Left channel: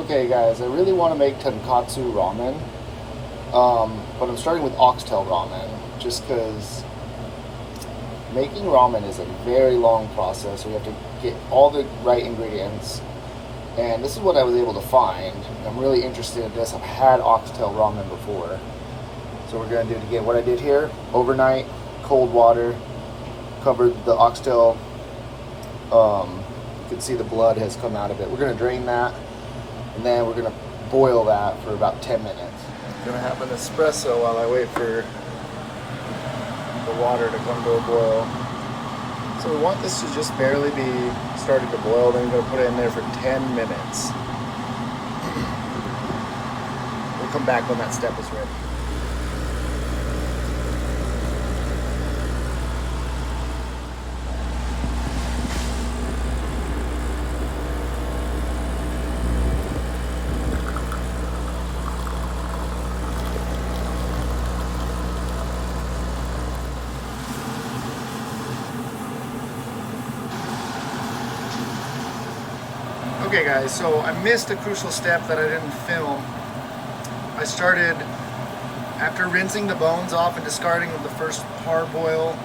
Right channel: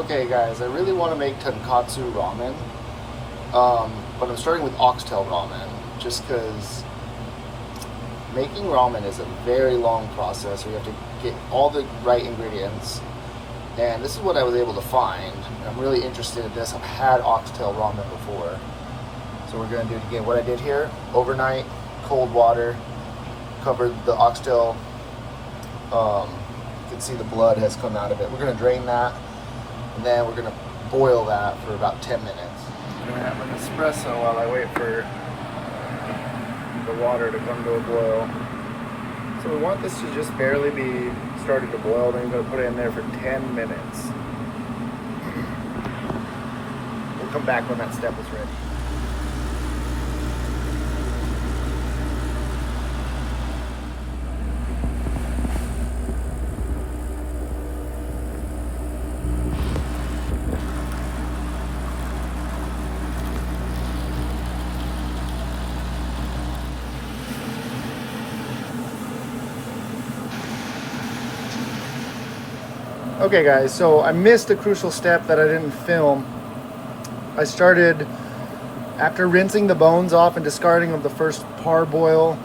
Okay guys, I really want to make tonkatsu ramen, but I'm starting with oxtail ramen just because making ramen is a very long process. We have to get all the right ingredients, and this is what I was able to find. I'm really interested in this. I've had oxtail ramen before, so we're going to do it again. What I did here, overnight, cold water, covered the oxtail. You can see the blood has come out of it. We're going to drain that, and then we're going to boil that for about 10 minutes. I'm going to have an espresso while I wait for the water to come to a boil. So we want this to just barely be starting to boil, then you're going to put it in there for 10 minutes. We'll come back when that step is ready. Okay guys, so I missed a crucial step that I didn't film. I started, after rinsing the bones off and discarding of the first parboil,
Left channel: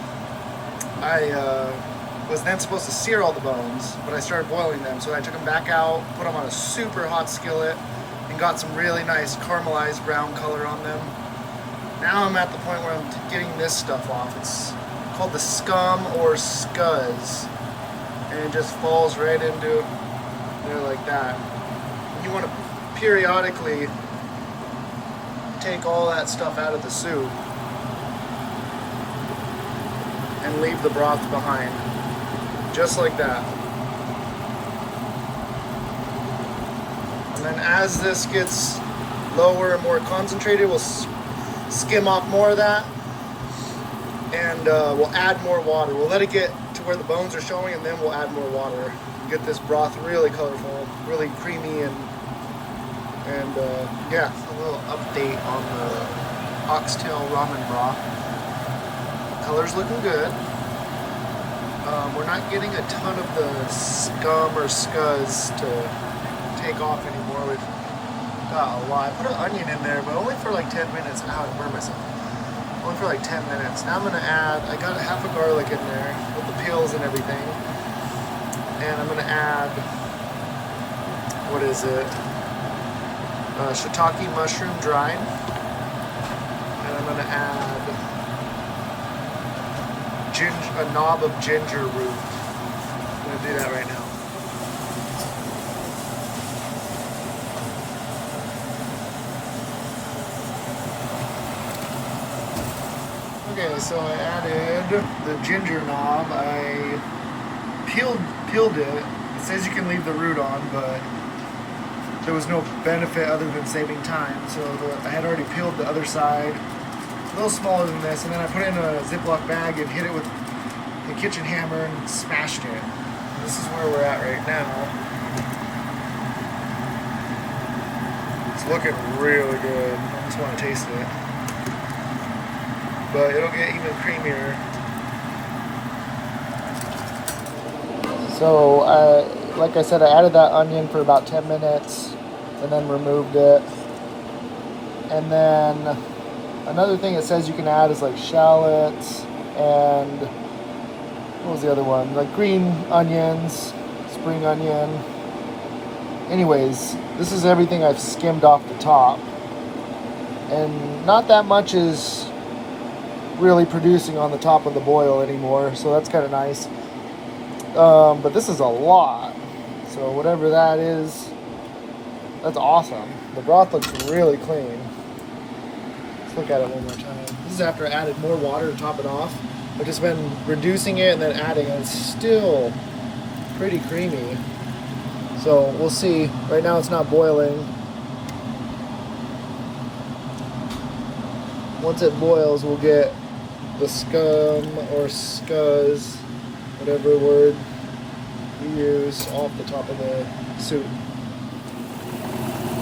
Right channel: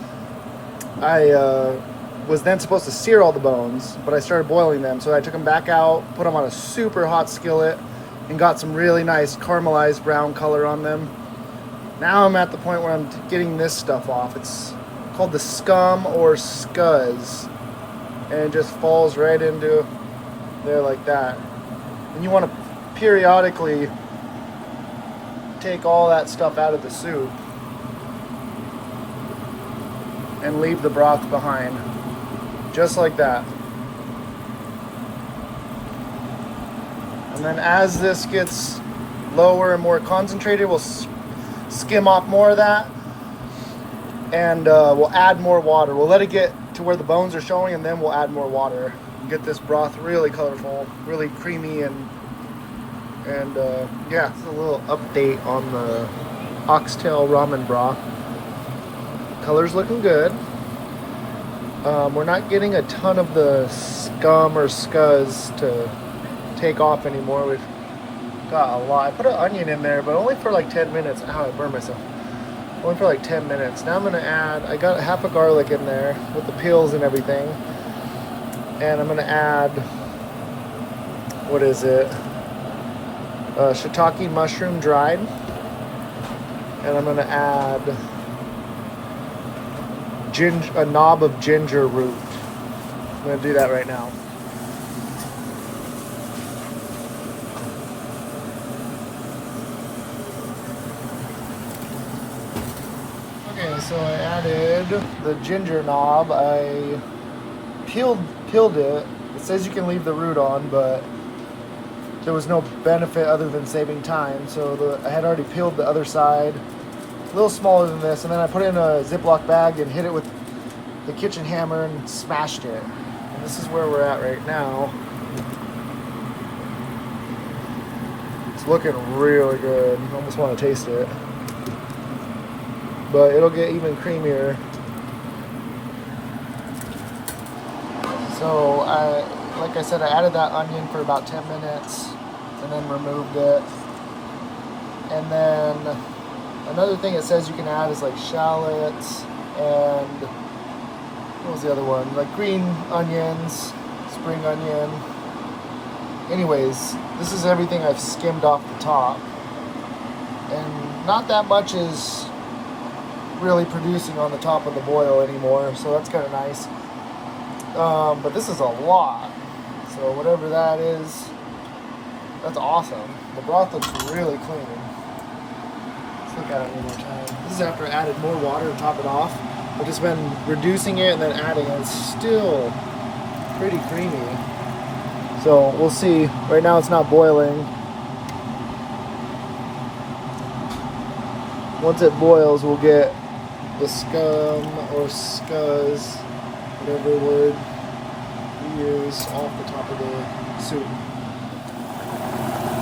I was then supposed to sear all the bones, but I started boiling them. So I took them back out, put them on a super hot skillet, and got some really nice caramelized brown color on them. Now I'm at the point where I'm getting this stuff off. It's called the scum or scuzz, and it just falls right into there like that. And you want to periodically take all that stuff out of the soup and leave the broth behind, just like that. And then as this gets lower and more concentrated, we'll skim off more of that, and we'll add more water. We'll let it get to where the bones are showing, and then we'll add more water. Get this broth really colorful, really creamy, and yeah, a little update on the oxtail ramen broth. Color's looking good. We're not getting a ton of the scum or scuzz to take off anymore. We've got a lot. I put an onion in there, but only for like 10 minutes. Ow, I burned myself. Only for like 10 minutes. Now I'm gonna add, I got half a garlic in there with the peels and everything. And I'm gonna add, what is it? Shiitake mushroom dried. And I'm gonna add a knob of ginger root. I'm gonna do that right now. Okay, so I added the ginger knob. I peeled it. It says you can leave the root on, but there was no benefit other than saving time. So I had already peeled the other side, a little smaller than this, and then I put it in a Ziploc bag and hit it with the kitchen hammer and smashed it. And this is where we're at right now. It's looking really good. I almost want to taste it. But it'll get even creamier. So, like I said, I added that onion for about 10 minutes and then removed it. And then another thing it says you can add is like shallots and what was the other one? Like green onions, spring onion. Anyways, this is everything I've skimmed off the top. And not that much is really producing on the top of the boil anymore, so that's kind of nice. But this is a lot, so whatever that is, that's awesome. The broth looks really clean. Let's look at it one more time. This is after I added more water to top it off. I've just been reducing it and then adding it. It's still pretty creamy. So we'll see. Right now it's not boiling. Once it boils, we'll get the scum or scuzz, whatever word you use, off the top of the soup.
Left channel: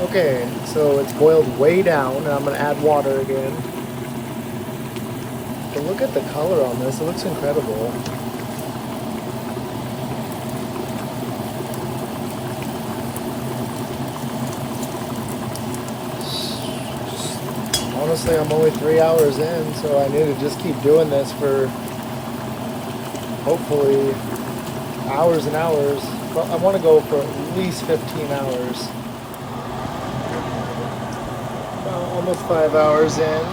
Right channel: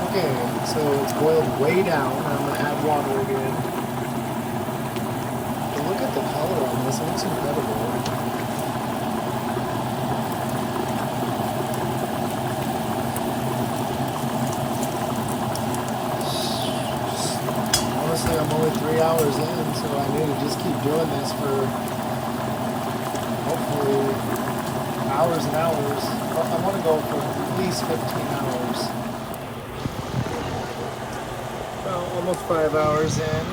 Okay, so it's boiled way down. Now I'm going to add water again. But look at the color on this. It looks incredible. honestly, I'm only 3 hours in, so I need to just keep doing this for hopefully hours and hours. I want to go for at least 15 hours. About almost 5 hours in.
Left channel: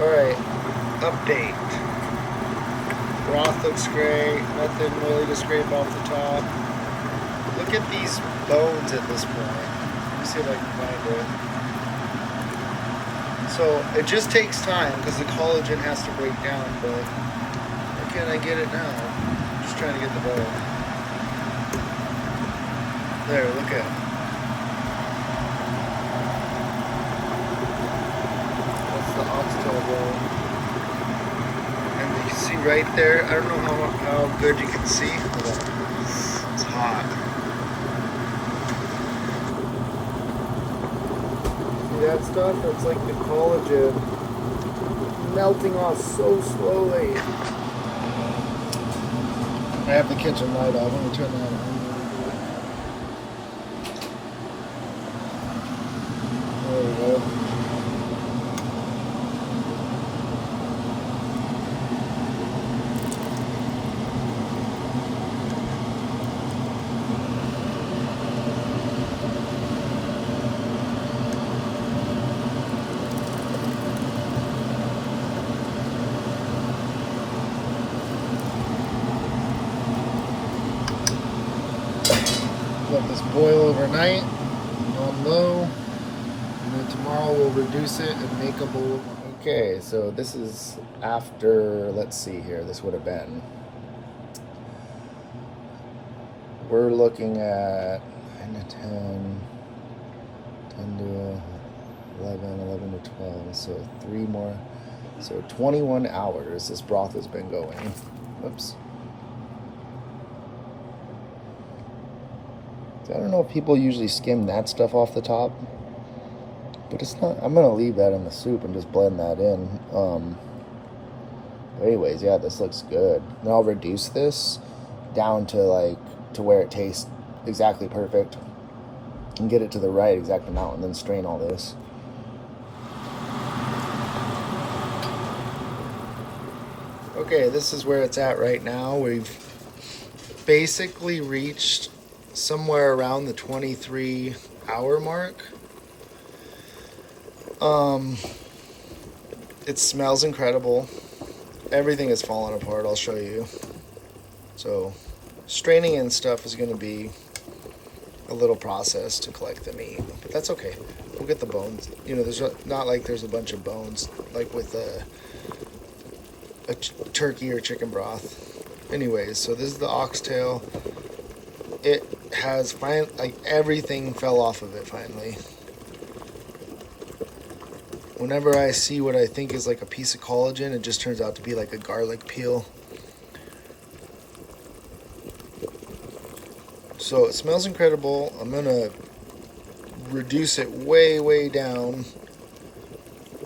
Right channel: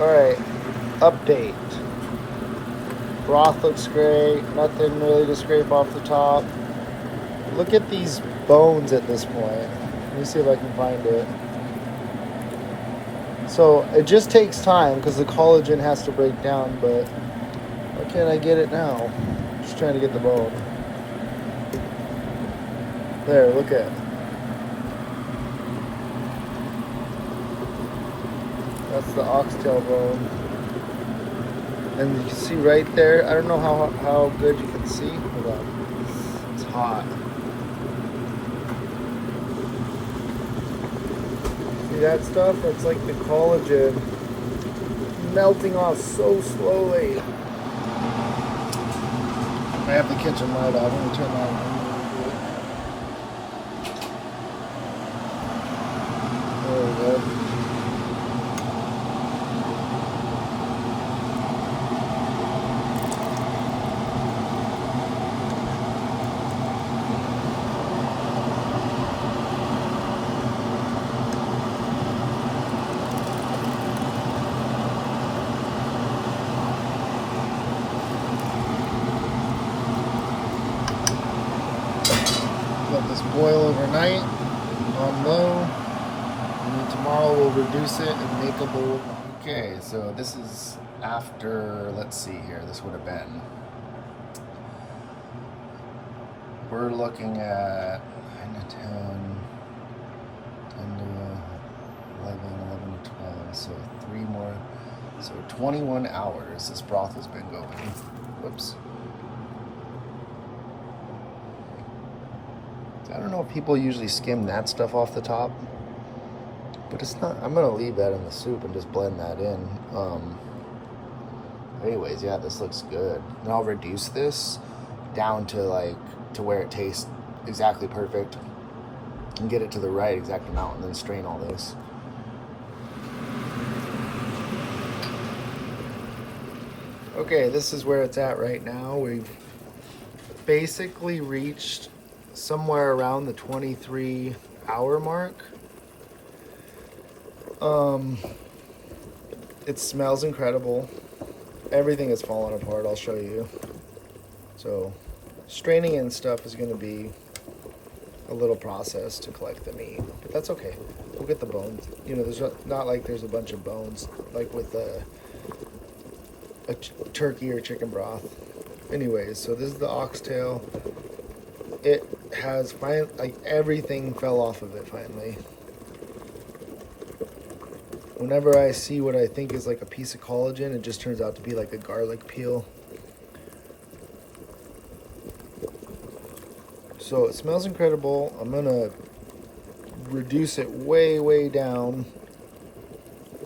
Alright, update. Broth looks great, nothing really to scrape off the top. Look at these bones at this point. Let me see if I can find it. So it just takes time because the collagen has to break down, but why can't I get it now? Just trying to get the bone. There, look at it. That's the oxtail bone. And you can see right there, I don't know how good you can see. Hold on. It's hot. See that stuff? That's like the collagen melting off so slowly. I have the kitchen light off. Let me turn that on. There we go. Let this boil overnight on low, and then tomorrow we'll reduce it and make a bowl. Okay, so this is after, let's see here, this would have been, we're looking at 9 to 10, 10 to 11, 11 to 12, so 3 more, so 21 hours this broth has been going. Whoops. I don't know if people usually skim that stuff off the top, but it's not. I'm gonna leave that in the soup and just blend that in. Anyways, yeah, this looks good. Then I'll reduce this down to where it tastes exactly perfect and get it to the right exact amount, and then strain all this. Okay, this is where it's at right now. We've basically reached somewhere around the 23-hour mark. It smells incredible. Everything is falling apart. I'll show you. So straining and stuff is going to be a little process to collect the meat, but that's okay. We'll get the bones. You know, there's not like there's a bunch of bones like with a turkey or chicken broth. Anyways, so this is the oxtail. It has everything fell off of it finally. Whenever I see what I think is like a piece of collagen, it just turns out to be like a garlic peel. So it smells incredible. I'm gonna reduce it way down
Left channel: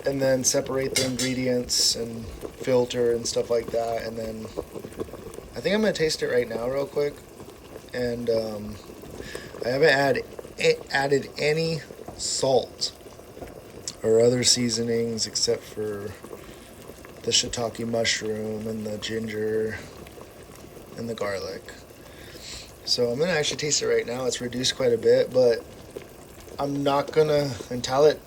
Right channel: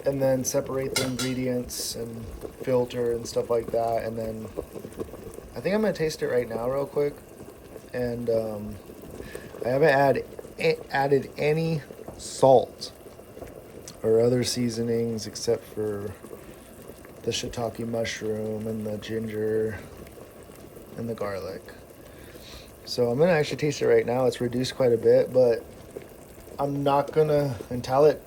and then separate the ingredients and filter and stuff like that, and then I think I'm gonna taste it right now real quick. And I haven't added any salt or other seasonings except for the shiitake mushroom and the ginger and the garlic. So I'm gonna actually taste it right now. It's reduced quite a bit, but I'm not gonna, until it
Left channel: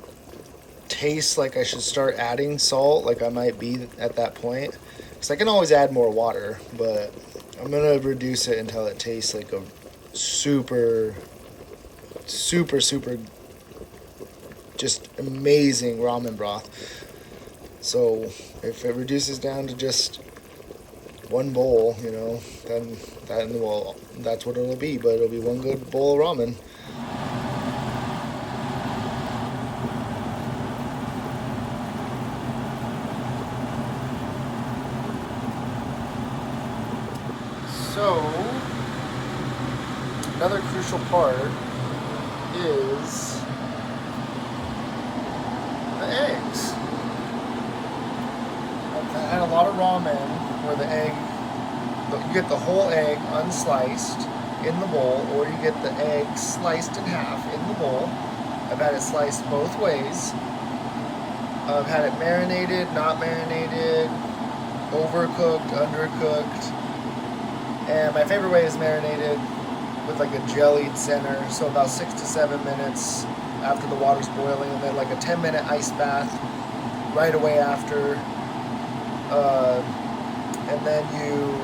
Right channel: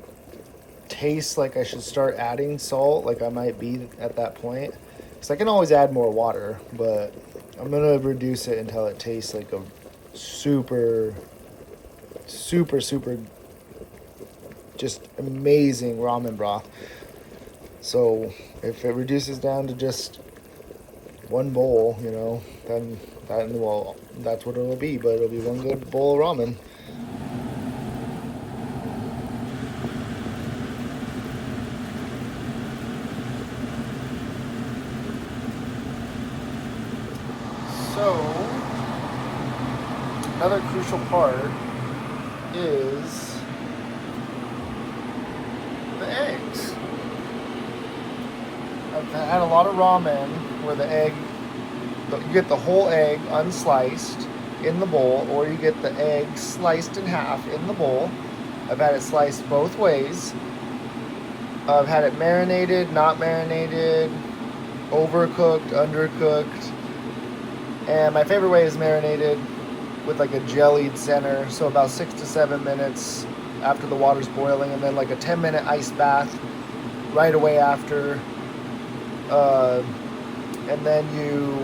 tastes like I should start adding salt, like I might be at that point, because I can always add more water, but I'm gonna reduce it until it tastes like a super just amazing ramen broth. So if it reduces down to just one bowl, you know, then that's what it'll be. But it'll be one good bowl of ramen. another crucial part is the eggs. I've had a lot of ramen where the egg, you get the whole egg unsliced in the bowl, or you get the egg sliced in half in the bowl. I've had it sliced both ways. I've had it marinated, not marinated, overcooked, undercooked. And my favorite way is marinated with like a jellied center. So about 6 to 7 minutes after the water's boiling, and then like a 10-minute ice bath right away after. And then you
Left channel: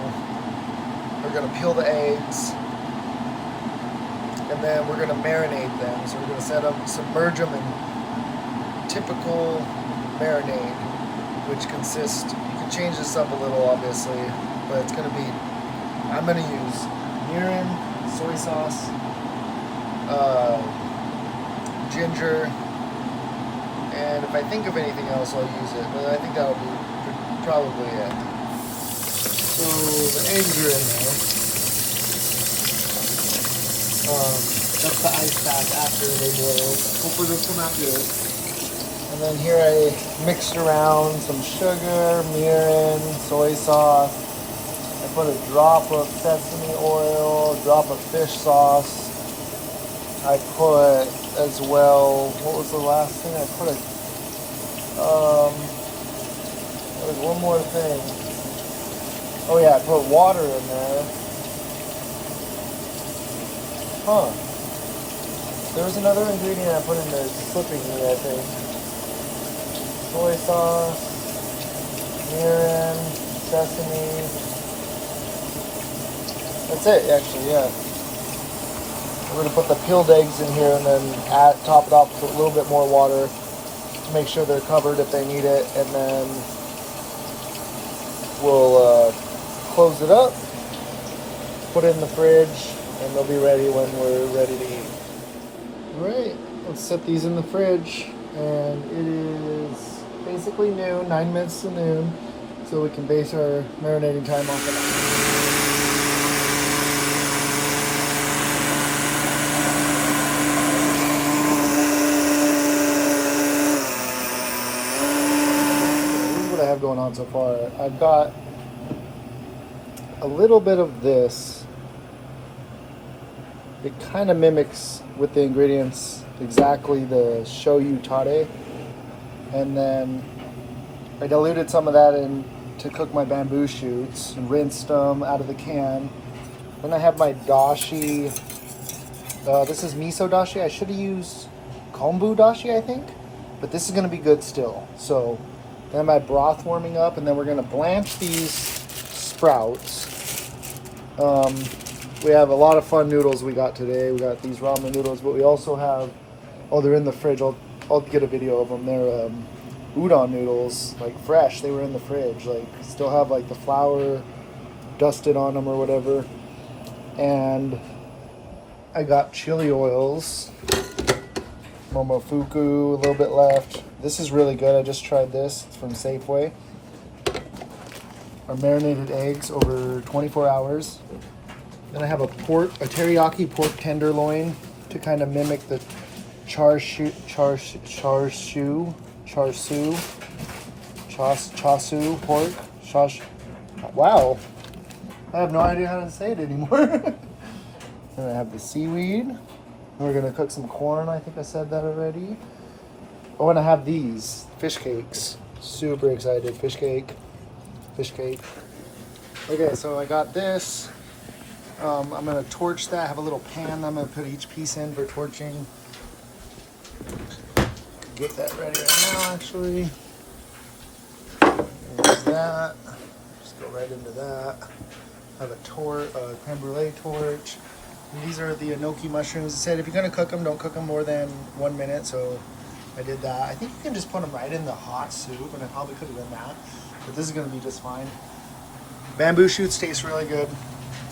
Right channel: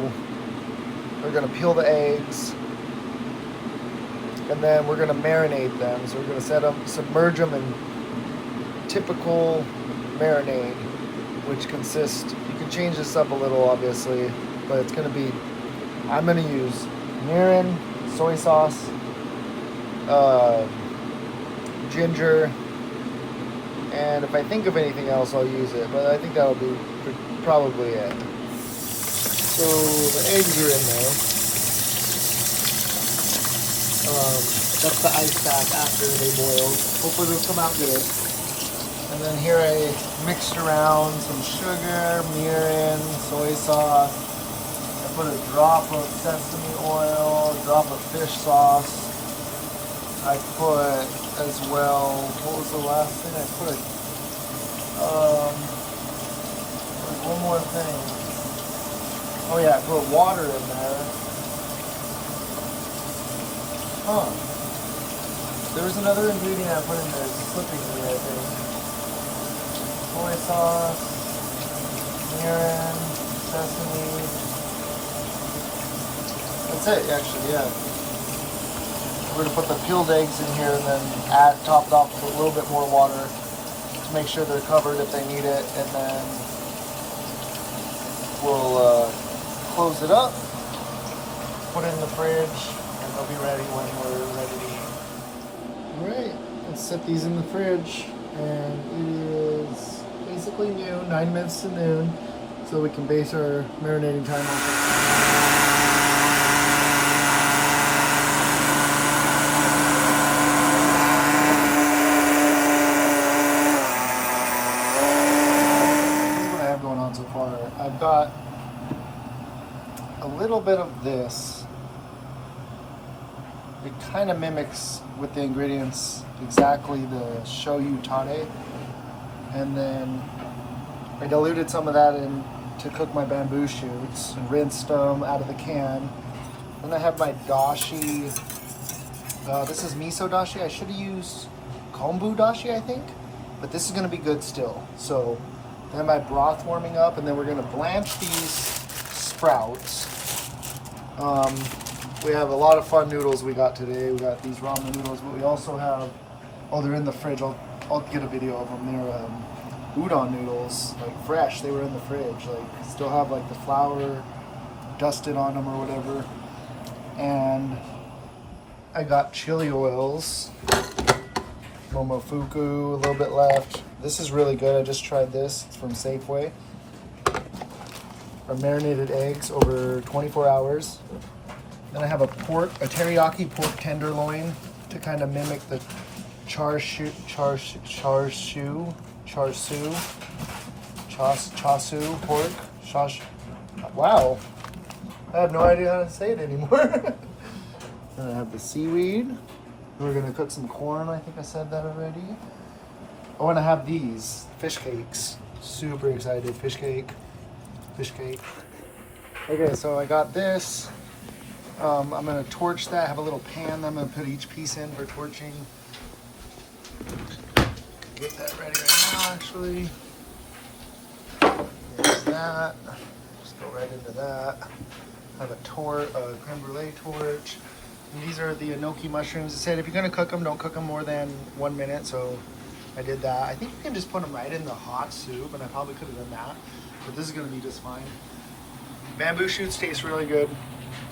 are gonna peel the eggs, and then we're gonna marinate them. So we're gonna submerge them in typical marinade, which consists, you can change this up a little obviously, but it's gonna be, I'm gonna use mirin, soy sauce, ginger, and if I think of anything else I'll use it, but I think that'll be probably it. So the eggs are in there. That's the ice bath after they boiled. Hopefully they'll come out good. And then here I mixed around some sugar, mirin, soy sauce. I put a drop of sesame oil, a drop of fish sauce. I put as well, what was the last thing? I put, there was one more thing. Oh yeah, I put water in there. Huh. There was another ingredient I put in there, clippings in there, I think. Soy sauce, mirin, sesame. That's it, actually, yeah. We're gonna put the peeled eggs in here and then top it off with a little bit more water to make sure they're covered if they need it, and then we'll close it up, put it in the fridge, and they'll be ready when we're ready to eat. All right, let's set these in the fridge, and it is basically noon, 9 minutes to noon, so we can base our marinating time off of that. Going on so far. I've got a little bit of this. It kind of mimics with the ingredients exactly the shoyu tare, and then I diluted some of that in to cook my bamboo shoots and rinsed them out of the can. Then I have my dashi. This is miso dashi. I should have used kombu dashi, I think, but this is going to be good still. So then my broth warming up, and then we're gonna blanch these sprouts. We have a lot of fun noodles we got today. We got these ramen noodles, but we also have, oh, they're in the fridge. I'll get a video of them. They're udon noodles, like fresh. They were in the fridge. Like still have like the flour dusted on them or whatever. And I got chili oils. Momofuku, a little bit left. This is really good. I just tried this. It's from Safeway. Our marinated eggs over 24 hours. Then I have a teriyaki pork tenderloin to kind of mimic the char siu pork. Wow, I have no idea how to say it anymore. And I have the seaweed. We're gonna cook some corn. I think I said that already. I want to have these fish cakes. Super excited. Fish cake. Okay, so I got this. I'm gonna torch that. I have a little pan I'm gonna put each piece in for torching. Get that ready right now, actually. Here's that. Just go right into that. I have a creme brulee torch. And these are the enoki mushrooms. It said if you're gonna cook them, don't cook them more than 1 minute. So I did that. I think you can just put them right in the hot soup, and I probably could have done that, but this is gonna be just fine. Bamboo shoots taste really good,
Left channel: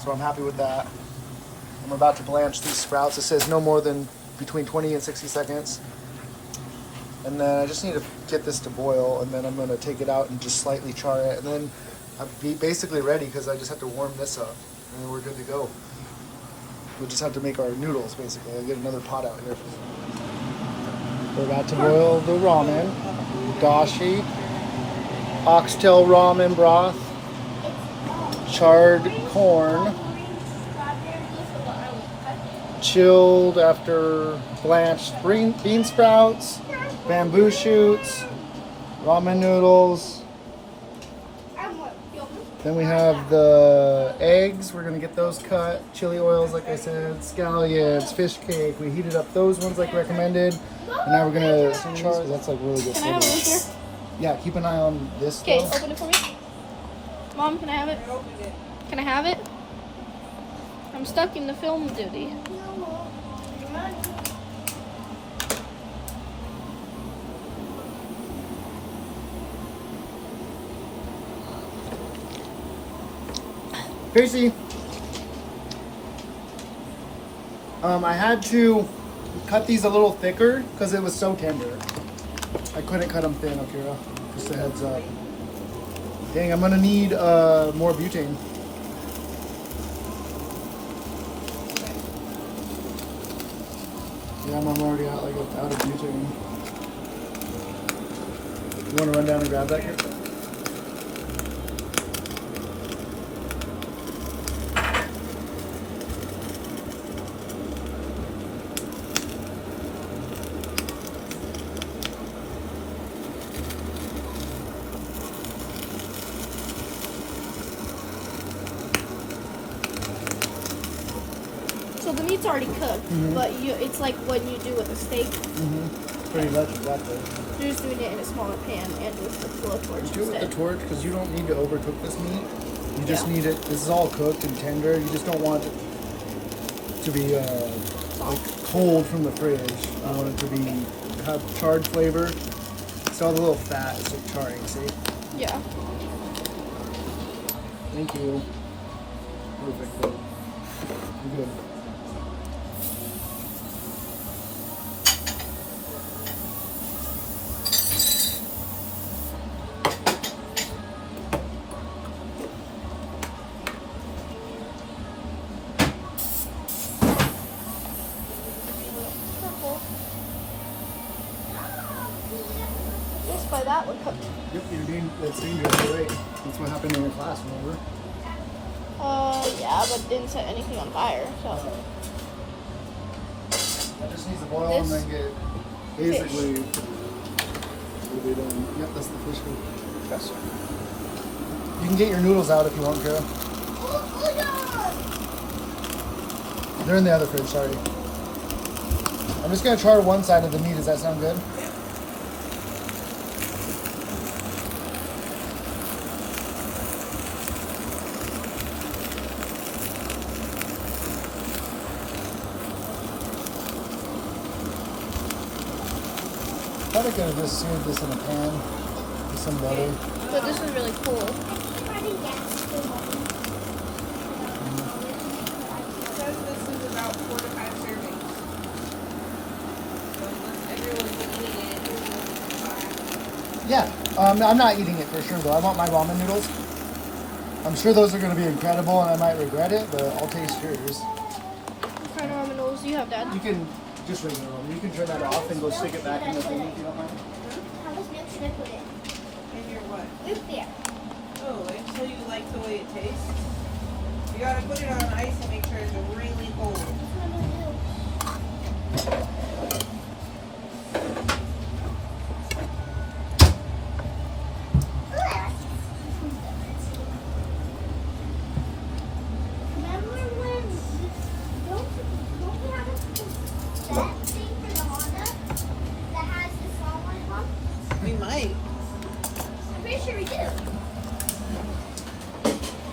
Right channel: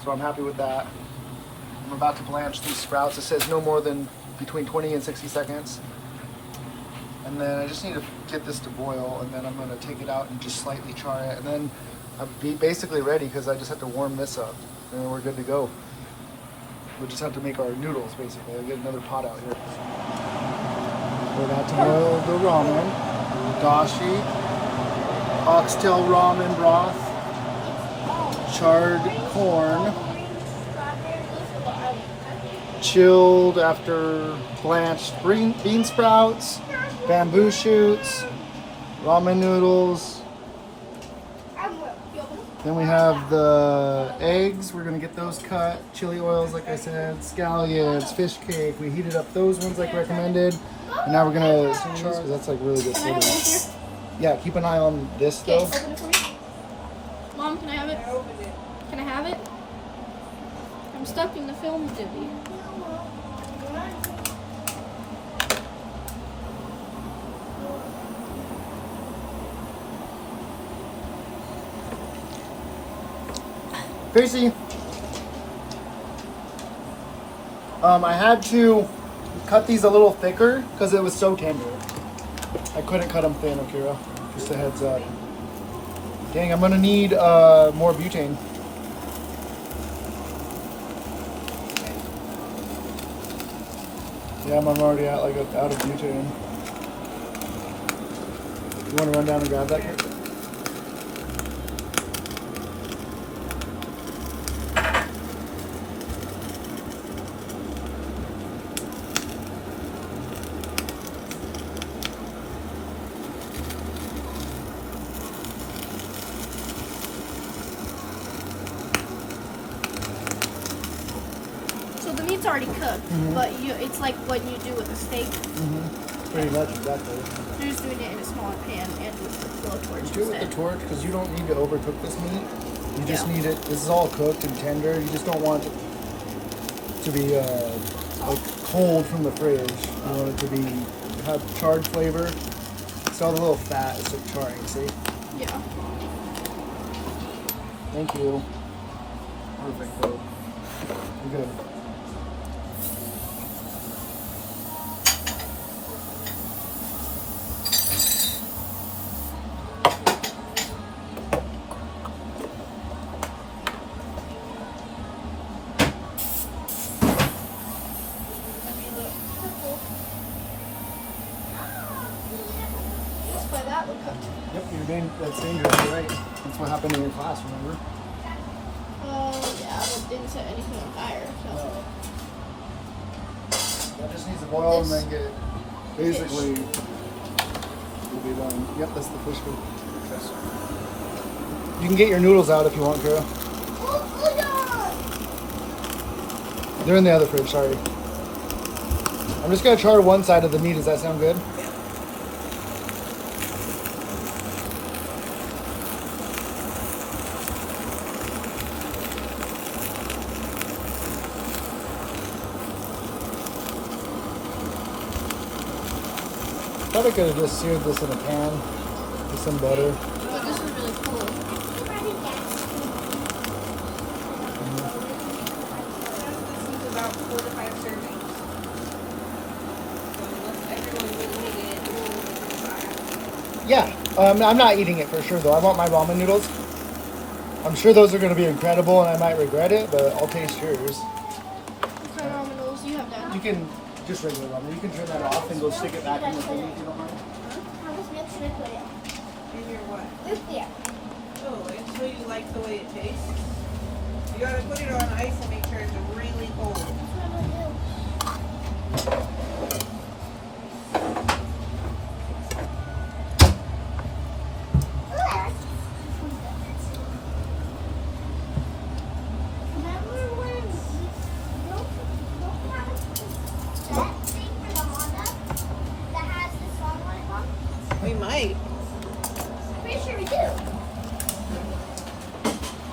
so I'm happy with that. I'm about to blanch these sprouts. It says no more than between 20 and 60 seconds. And then I just need to get this to boil, and then I'm gonna take it out and just slightly char it. And then I'm basically ready because I just have to warm this up. and then we're good to go. We'll just have to make our noodles, basically. I'll get another pot out here. We're about to boil the ramen. Dashi, oxtail ramen broth, charred corn, chilled after blanched bean sprouts, bamboo shoots, ramen noodles. Then we have the eggs. We're gonna get those cut. Chili oils, like I said, scallions, fish cake. We heated up those ones like recommended. And now we're gonna char. That's like really good Can I have it flavor. here? Yeah, keep an eye on this Okay, though. open it for me. Mom, can I have it? Can I have it? I'm stuck in the film duty. Gracie, I had to cut these a little thicker because it was so tender. I couldn't cut them thin, Akira. Just a heads up. Dang, I'm gonna need more butane. Yeah, I'm already out of butane. You want to run down and grab that? So the meat's already cooked, but it's like what you do with a steak. Pretty much, exactly. You're just doing it in a smaller pan and with the blowtorch Do it with instead. the torch because you don't need to overcook this meat. You just need it. This is all cooked and tender. You just don't want it to be like cold from the fridge. You want it to be have charred flavor. See all the little fat is like charring. See? Yeah. Thank you. Perfect. Though. You're good. By that one cooked. Yep, that's dangerous. You're right. That's what happened in your class, remember? Yeah, but didn't set anything on fire, so. That just needs to boil and then get basically we'll be done. Yep, this is the fish cook. Yes, sir. You can get your noodles out if you want to. They're in the other fridge, sorry. I'm just gonna char one side of the meat. Does that sound good? I thought I could have just seared this in a pan with some butter. But this is really cool. This is about 4 to 5 servings. So unless everyone's eating it. Yeah, I'm not eating it for sure though. I want my ramen noodles. I'm sure those are going to be incredible and I might regret it, but I'll taste yours. What kind of ramen noodles do you have, Dad? You can just regular ramen. You can turn that off and go stick it back in the thing if you don't mind. How much milk should I put in? In your what? Milk there. Oh, until you like the way it tastes. You gotta put it on ice and make sure it's really cold. That's what I'm gonna do. Remember when don't we have that thing for the Honda that has the song on it, Mom? We might. I'm pretty sure we do.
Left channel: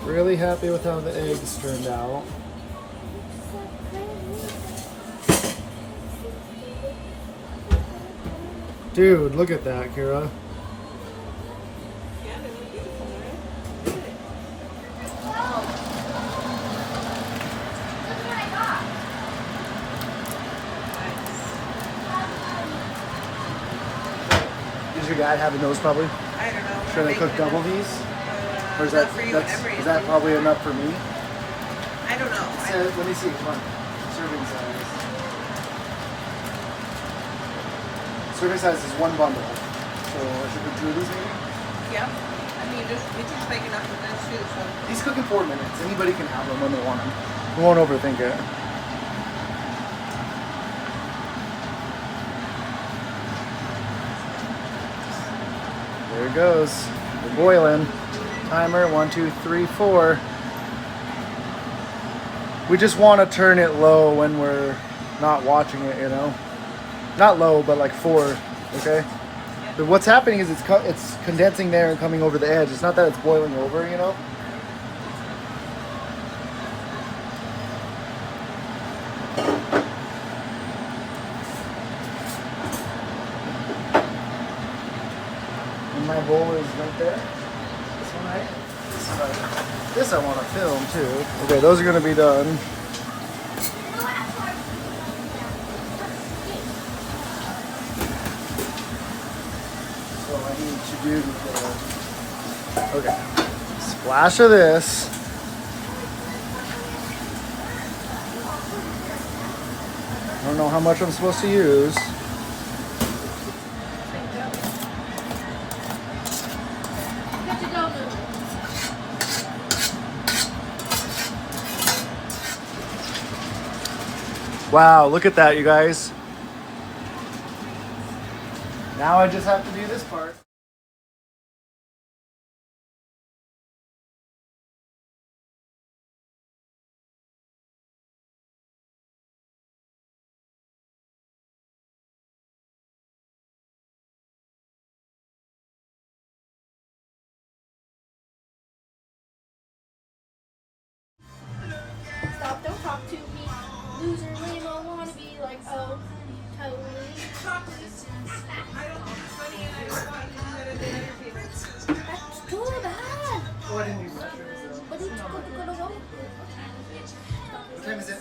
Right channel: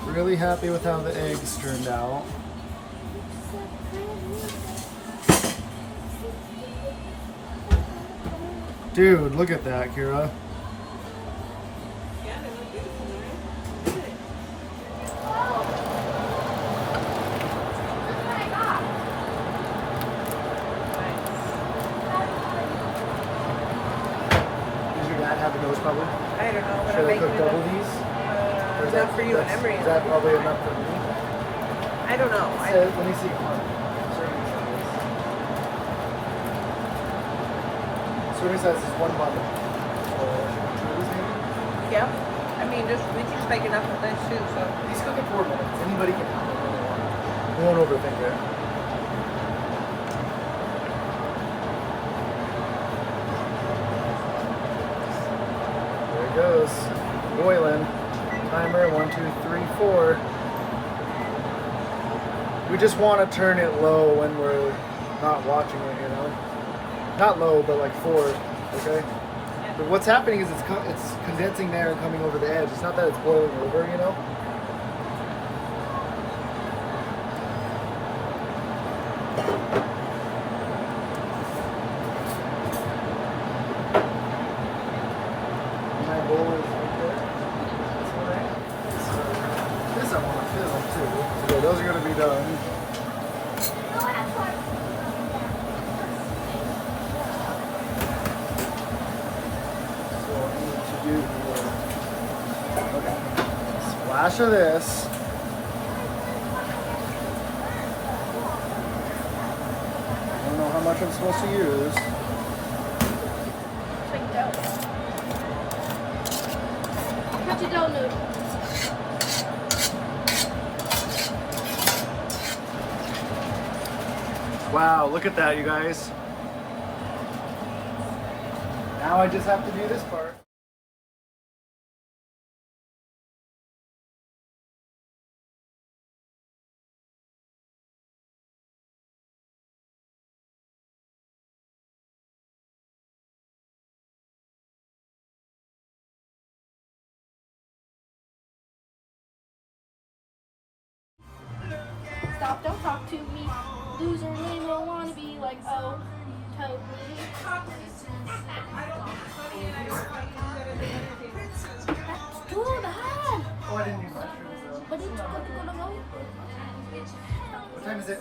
Really happy with how the eggs turned out. Dude, look at that, Kira. Yeah, they look beautiful, right? Look at it. Does your dad have those probably? I don't know, but Should I'm they making cook it double these? Or is not for you, that's, Emery. is that probably enough for me? I don't know. Let me see. Come on. Serving size. Serving size is 1 bundle. So should we do this maybe? Yeah. I mean, it's just like enough of this too, so. These cook in 4 minutes. Anybody can have them when they want. You won't overthink it. There it goes. Boiling. Timer 1, 2, 3, 4. We just want to turn it low when we're not watching it, you know? Not low, but like 4, okay? But what's happening is it's condensing there and coming over the edge. It's not that it's boiling over, you know? And that roller is right there. This one right? This I want to film too. Okay, those are going to be done. So I need to do okay. Splash of this. I don't know how much I'm supposed to use. Where'd you go, Luke? Wow, look at that, you guys. Now I just have to do this part. Stop, don't talk to me. Loser, really don't want to be like, oh, totally. I don't think it's funny and I don't want to do that at the entertainment. That's good, huh? Oh, I didn't use mushrooms though. What is What time is it?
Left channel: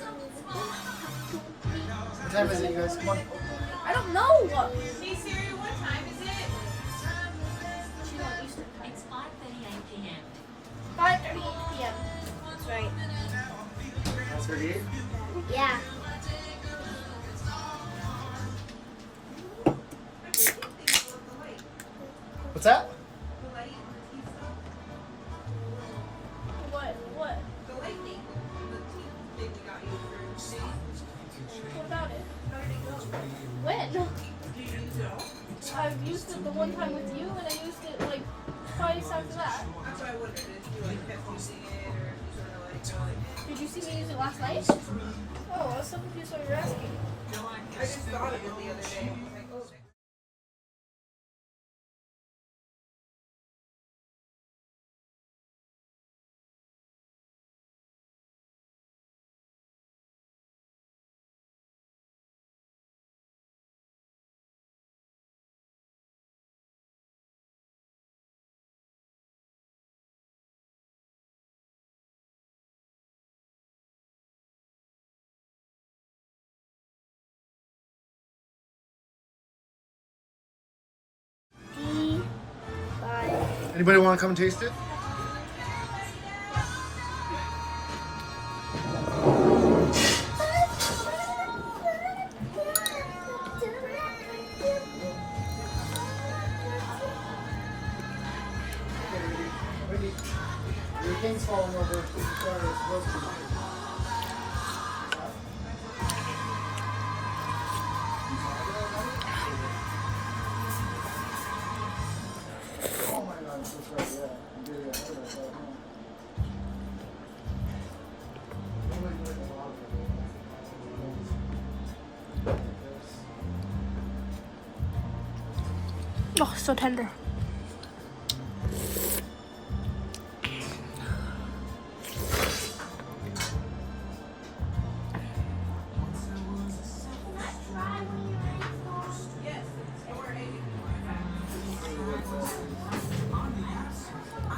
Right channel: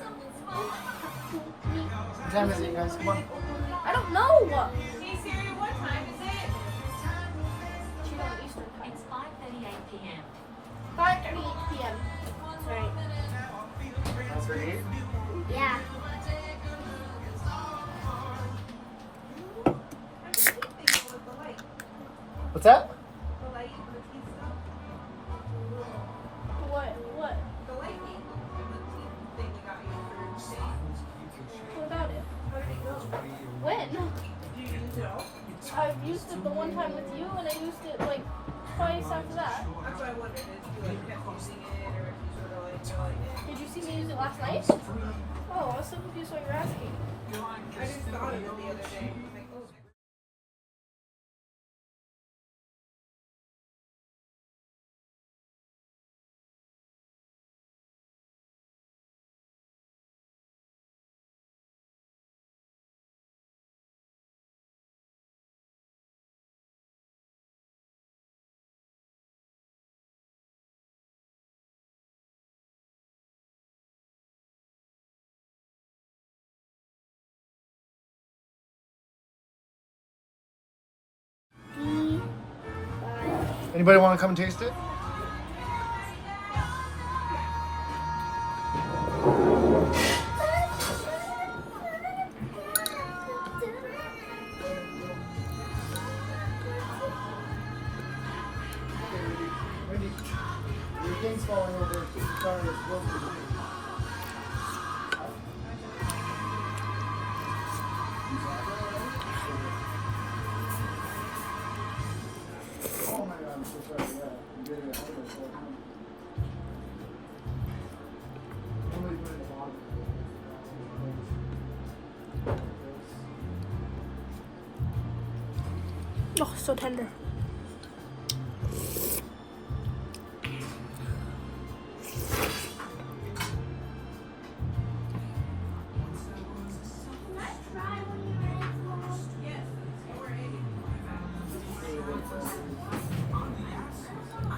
What time is it, you guys? Come on. I don't know. Hey Siri, what time is it? It's 5:38 p.m. 5:38 p.m. That's right. That's 38? Yeah. What's that? The light and the teeth stuff. What? The lightning. The teeth thing we got you for Shane. What about it? How did it go? When? Did you use it all? I've used it the one time with you, and I used it like twice after that. That's what I wondered. Did you like kept using it or sort of like feel like it? Did you see me use it last night? Oh, I was so confused what you're asking. I just thought of it the other day. I was like, oh. Anybody want to come and taste it? Wendy, your king's falling over. Sorry, it's roasted. Oh my God, I'm so sorry. Yeah, I'm getting it out of myself. Normally do it in the bottom. Oh, so tender.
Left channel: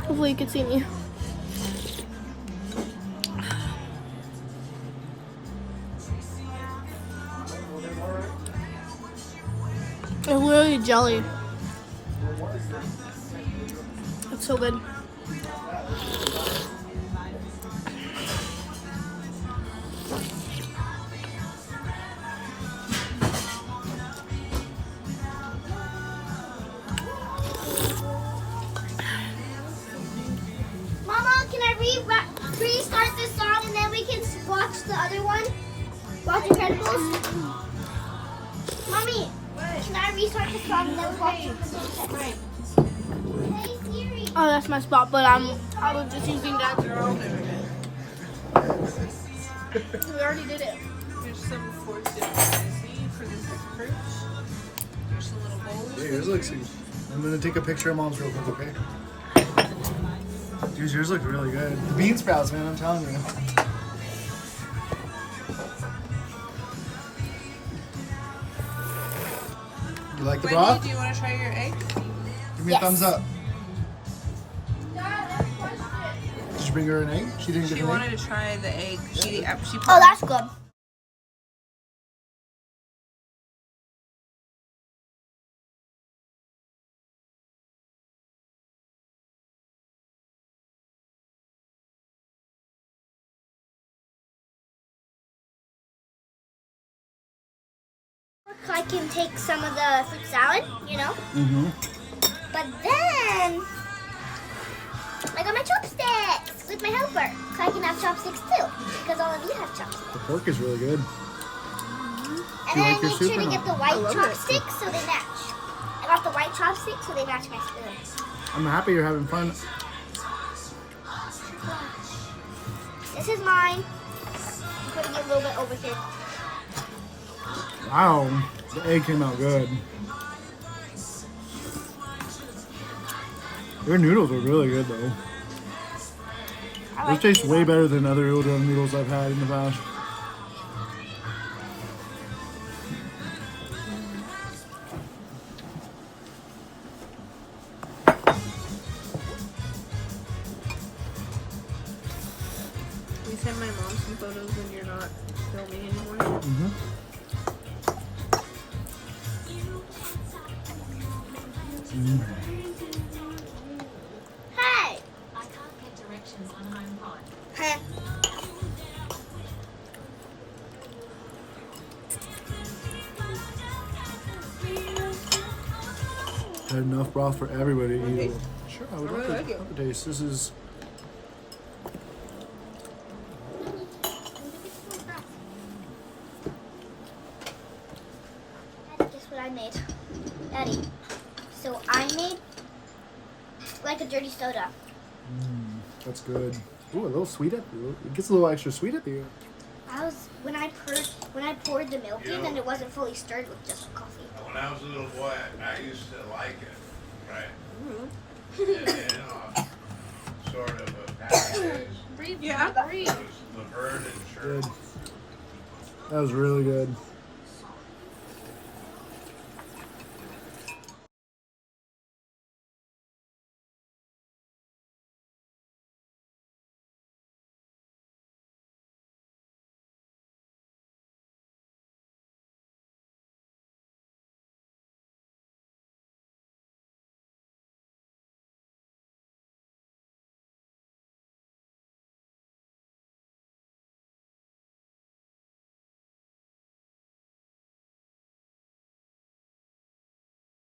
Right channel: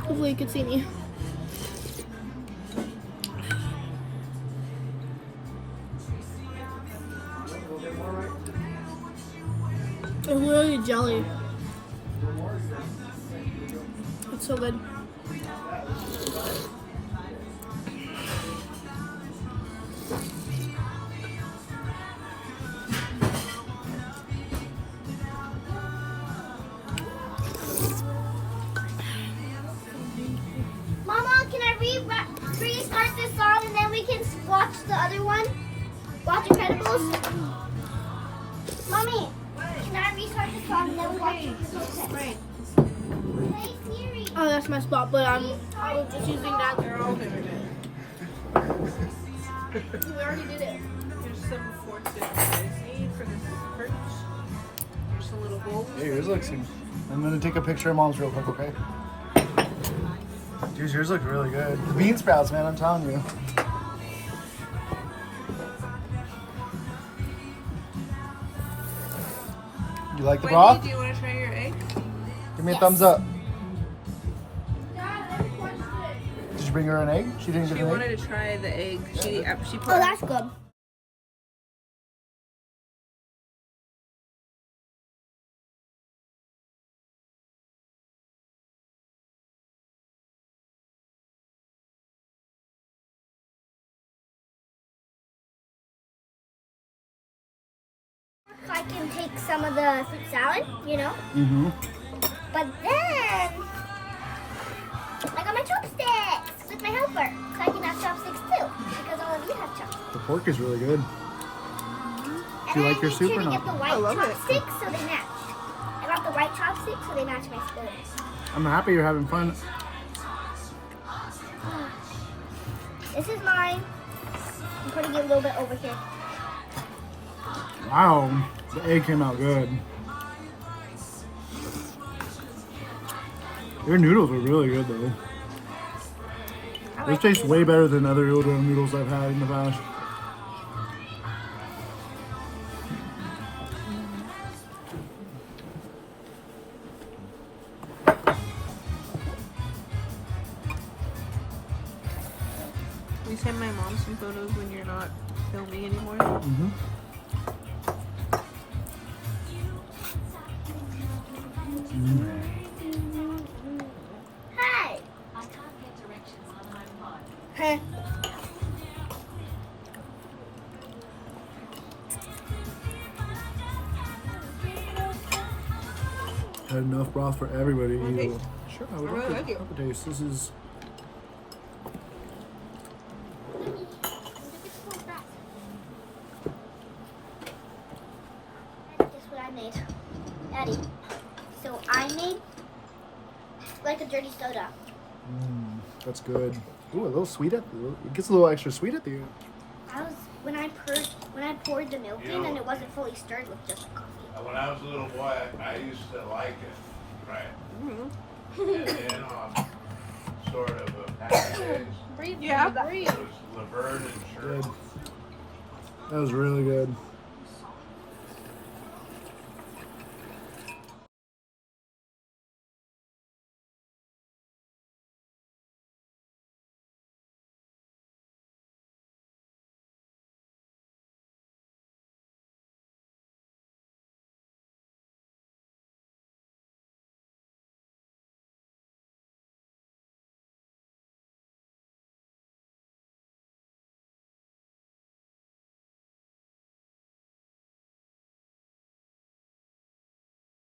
Hopefully you can see me. It's literally jelly. It's so good. Mama, can I restart this song and then we can watch the other one? Watch Incredibles? Mommy, can I restart the song and then we watch Incredibles? Right. Hey Siri. Oh, that's my spot, but I was just using that. We already did it. There's some forks that you guys need for this perch. There's some little bowls. Hey, yours looks. I'm gonna take a picture of mom's real quick, okay? Dude, yours look really good. The bean sprouts, man, I'm telling you. You like the Wendy, broth? do you want to try your egg? Give me a Yes. thumbs up. Did you bring her an egg? She didn't get She an wanted egg? to try the egg. She put Oh, that's good. I can take some of the fruit salad, you know, Mm-hmm. but then I got my chopsticks with my helper, so I can have chopsticks too, because all of you have chopsticks. The pork is really good. And Do you like I your made soup sure or to not? get the white love it. chopsticks so they match. I got the white chopsticks so they match my spoons. I'm happy you're having fun. This is mine. I'm putting it a little bit over thick. Wow, the egg came out good. Your noodles are really good though. Those taste way better than other udon noodles I've had in the past. We send my mom some photos when you're not filming anymore. Mm-hmm. Hey! I can't get directions on home pod. Huh. Had enough broth for everybody to eat. Sure, I would love to have a taste. This is Guess what I made? Daddy. So I made like a dirty soda. that's good. Ooh, a little sweet at it gets a little extra sweet at the end. I was when I poured the milk in and it wasn't fully stirred with just coffee. When I was a little boy, I used to like it, right? And then, sort of a package. Breathe. Yeah. Breathe. It was Laverne and Shirley. Good. That was really good.